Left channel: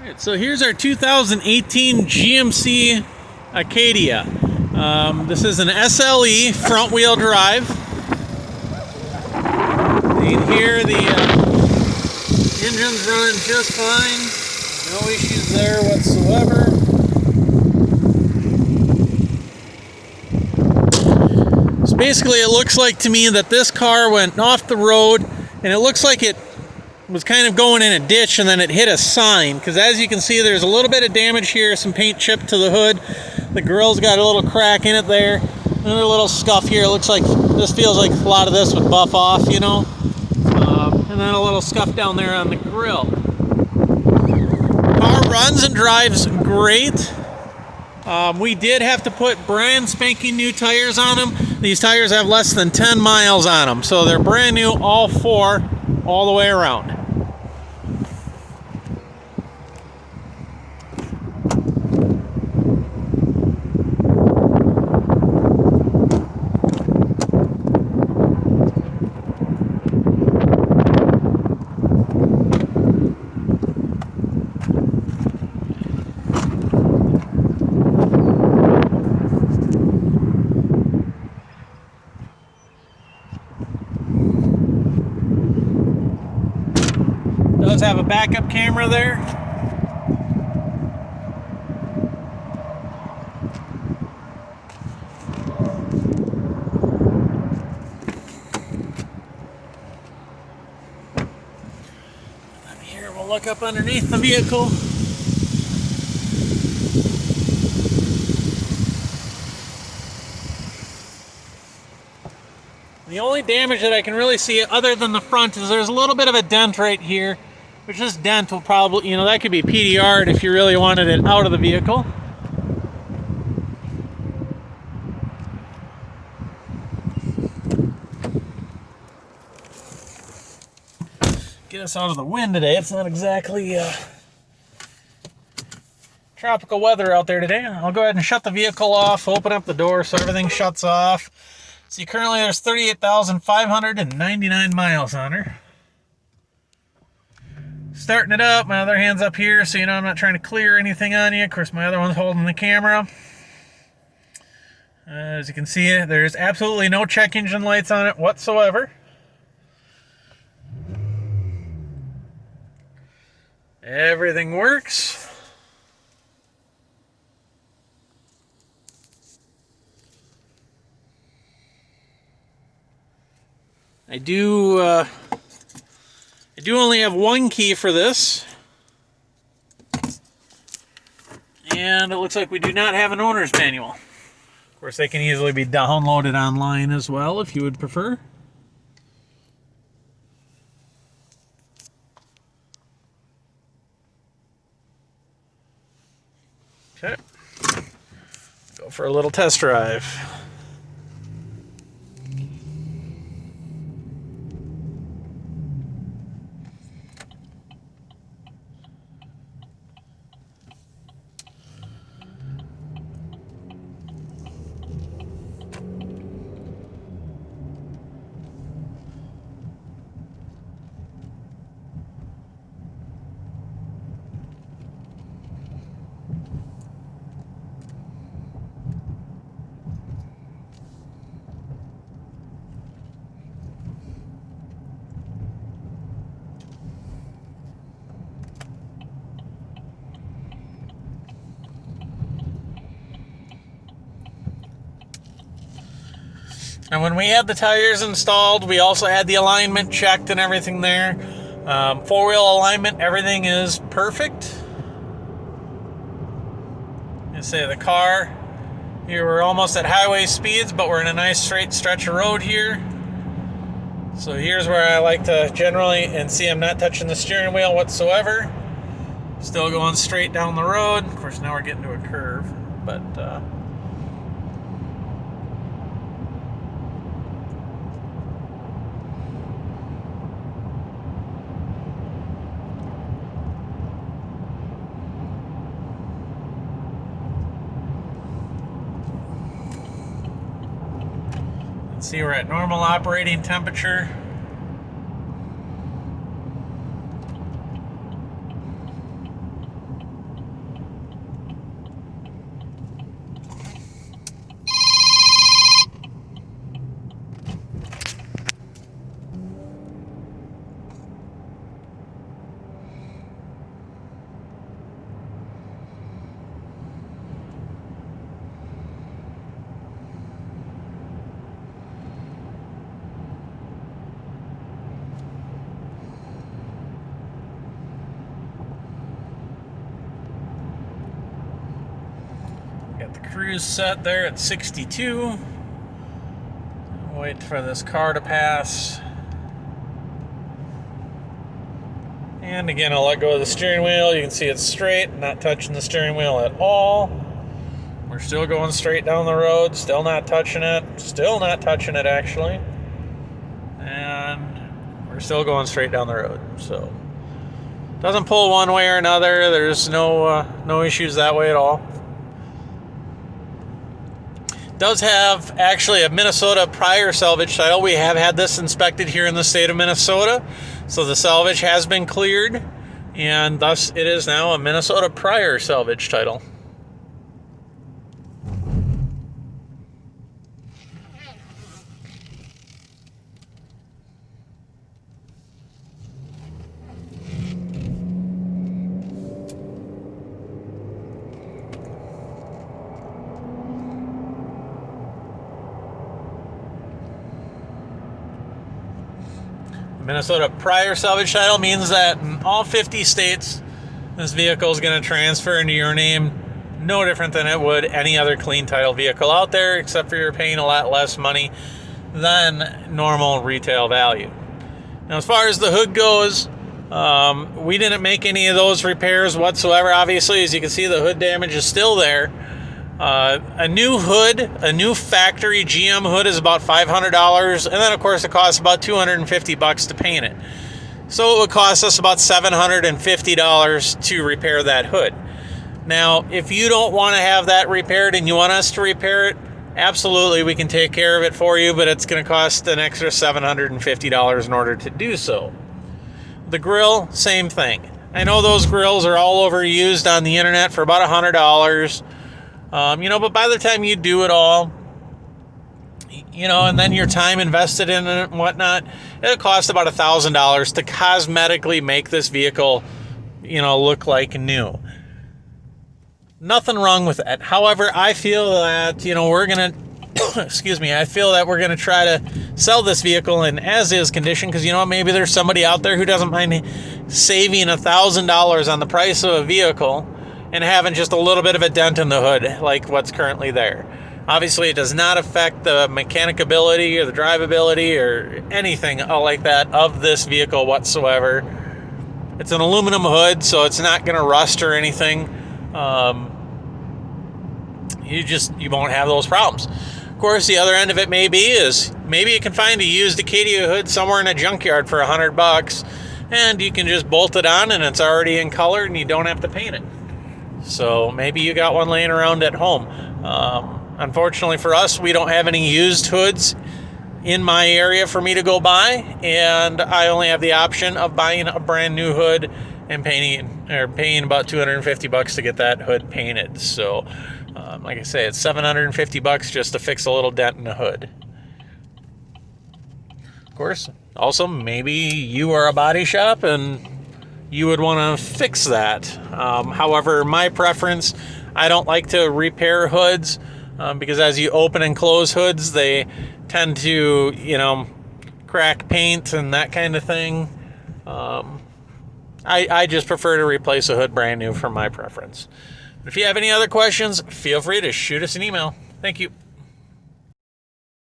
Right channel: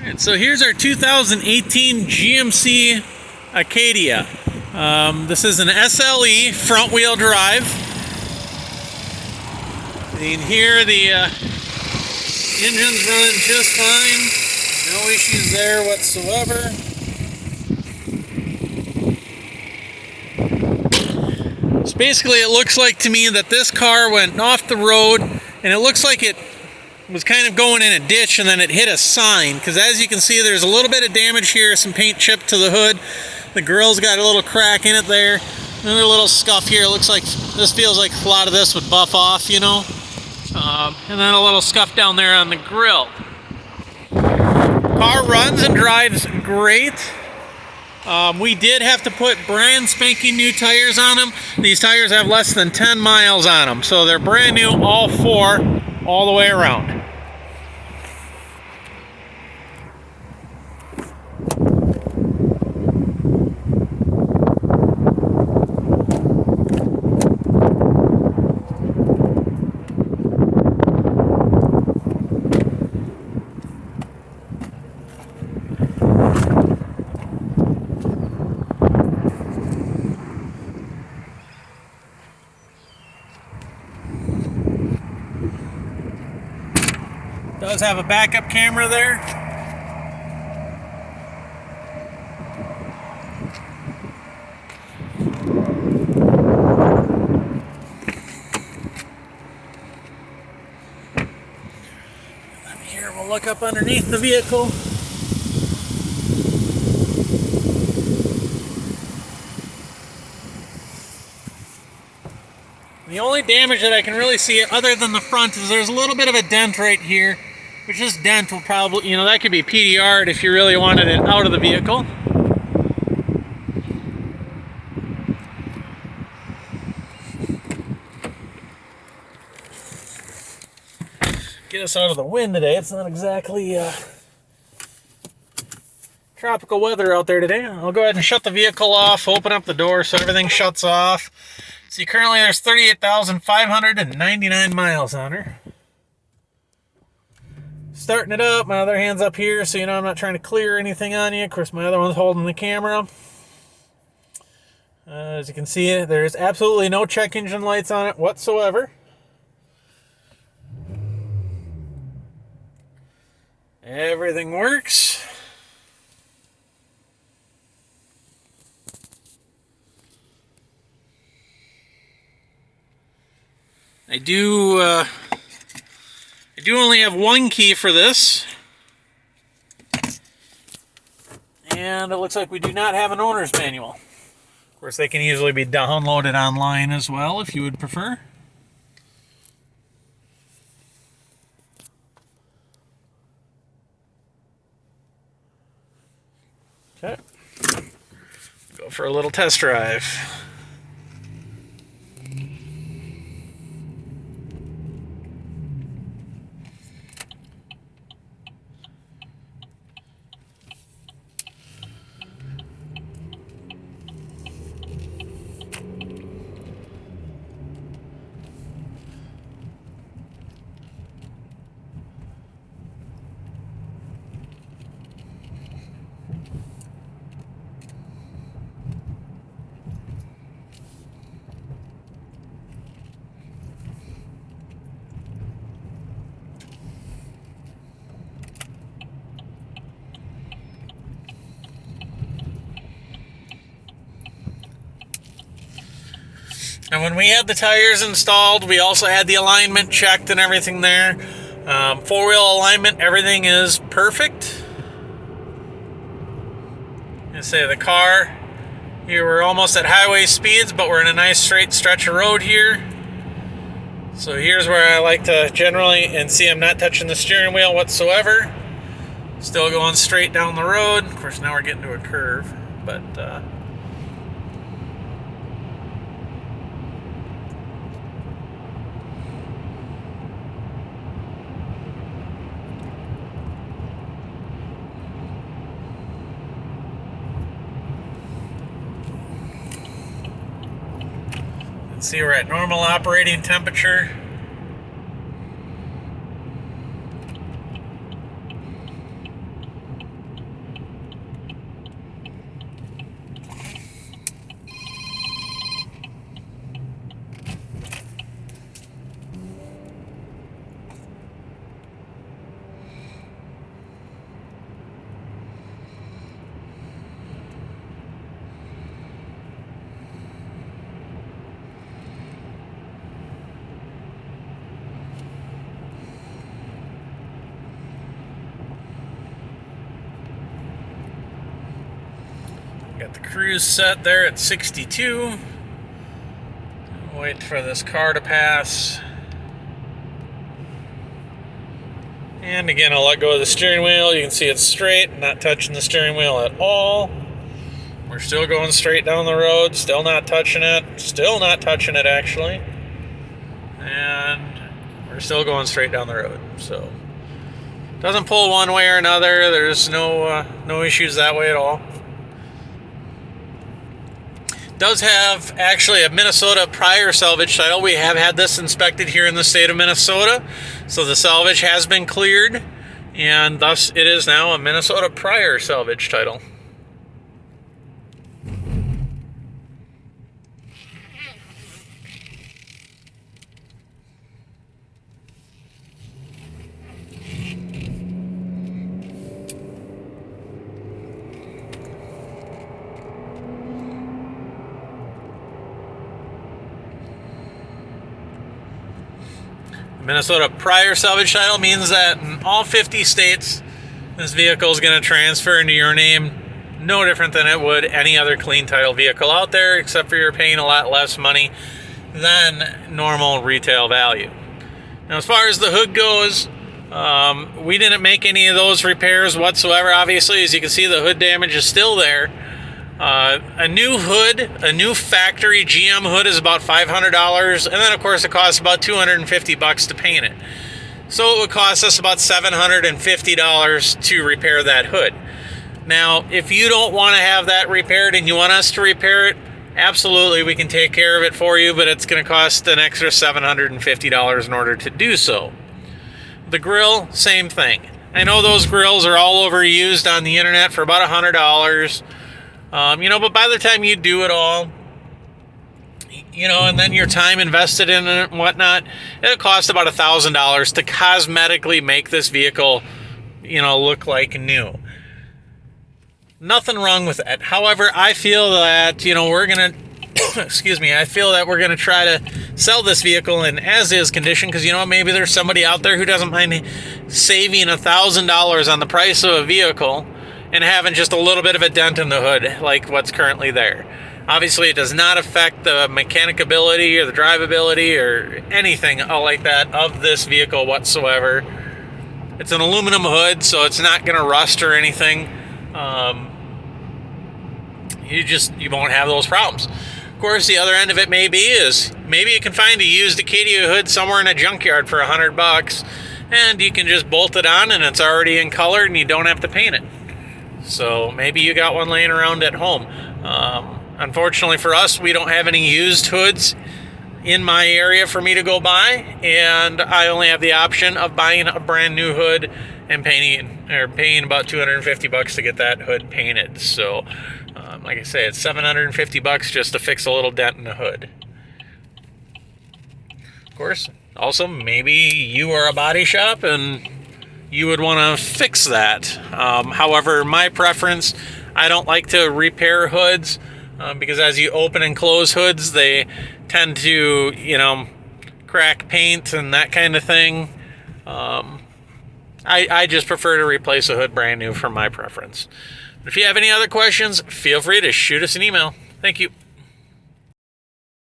Alright, so here's our 2018 GMC Acadia. This is an SLE front wheel drive. You can hear the engine's running just fine. No issues there whatsoever. So basically it looks like to me that this car went off the road and it looks like it was kind of going in a ditch and then it hit a sign, because as you can see there's a little bit of damage here, some paint chipped to the hood, the grille's got a little crack in it there, another little scuff here. It looks like this feels like a lot of this would buff off, you know, and then a little scuff down there on the grill. Car runs and drives great. We did have to put brand spanking new tires on them. These tires have less than 10 miles on them, so they're brand new, all four, all the way around. Does have a backup camera there. And here we'll look up underneath the vehicle. The only damage that I can really see other than the front is there's a little bit of a dent right here. Which this dent will probably, you know, that could be PDR'd if you really wanted it out of the vehicle. Get us out of the wind today. It's not exactly tropical weather out there today. I'll go ahead and shut the vehicle off, open up the door so everything shuts off. See, currently there's 38,599 miles on her. Starting it up, my other hand's up here, so you know I'm not trying to clear anything on you. Of course, my other one's holding the camera. As you can see, there's absolutely no check engine lights on it whatsoever. Everything works. I do only have one key for this, and it looks like we do not have an owner's manual. Of course, they can easily be downloaded online as well if you would prefer. Okay, go for a little test drive. And when we had the tires installed, we also had the alignment checked and everything there. Four-wheel alignment, everything is perfect. And say the car, here we're almost at highway speeds, but we're in a nice straight stretch of road here. So here's where I like to generally, and see I'm not touching the steering wheel whatsoever. Still going straight down the road. Of course, now we're getting to a curve, but see, we're at normal operating temperature. Got the cruise set there at 62. Wait for this car to pass. And again, I'll let go of the steering wheel. You can see it's straight, not touching the steering wheel at all. We're still going straight down the road, still not touching it, actually. And we're still going straight down the road. So, doesn't pull one way or another. There's no issues that way at all. Does have actually a Minnesota prior salvage title. We have had this inspected here in the state of Minnesota. So the salvage has been cleared, and thus it is now a Minnesota prior salvage title. Minnesota prior salvage title means that in all 50 states, this vehicle is going to transfer into your name no different than it would any other clean title vehicle out there, except for you're paying a lot less money than normal retail value. Now, as far as the hood goes, we didn't make any of those repairs whatsoever. Obviously, as you can see, the hood damage is still there. A new hood, a new factory GM hood is about $500, and then of course it costs about $250 to paint it. So it would cost us about $750 to repair that hood. Now, if you don't want to have that repaired and you want us to repair it, absolutely, we can take care of it for you, but it's going to cost an extra $750 in order to do so. The grill, same thing. I know those grills are all overused on the internet for about $100. But by the time you do it all, and then your time invested in it and whatnot, it'll cost about $1,000 to cosmetically make this vehicle, look like new. Nothing wrong with that. However, I feel that, we're going to, I feel that we're going to try to sell this vehicle in as-is condition because, maybe there's somebody out there who doesn't mind saving $1,000 on the price of a vehicle and having just a little bit of a dent in the hood like what's currently there. Obviously, it does not affect the mechanicability or the drivability or anything like that of this vehicle whatsoever. It's an aluminum hood, so it's not going to rust or anything. You won't have those problems. Of course, the other end of it is maybe you can find a used Acadia hood somewhere in a junkyard for $100, and you can just bolt it on and it's already in color and you don't have to paint it. So maybe you got one laying around at home. Unfortunately for us, we don't have any used hoods in my area for me to go buy, and I only have the option of buying a brand new hood and paying about $250 to get that hood painted. So, like I say, it's $750 just to fix a little dent in the hood. Of course, also maybe you are a body shop and you would want to fix that. However, my preference, I don't like to repair hoods because as you open and close hoods, they tend to, crack paint and that kind of thing. I just prefer to replace a hood brand new for my preference. If you have any other questions, feel free to shoot us an email. Thank you.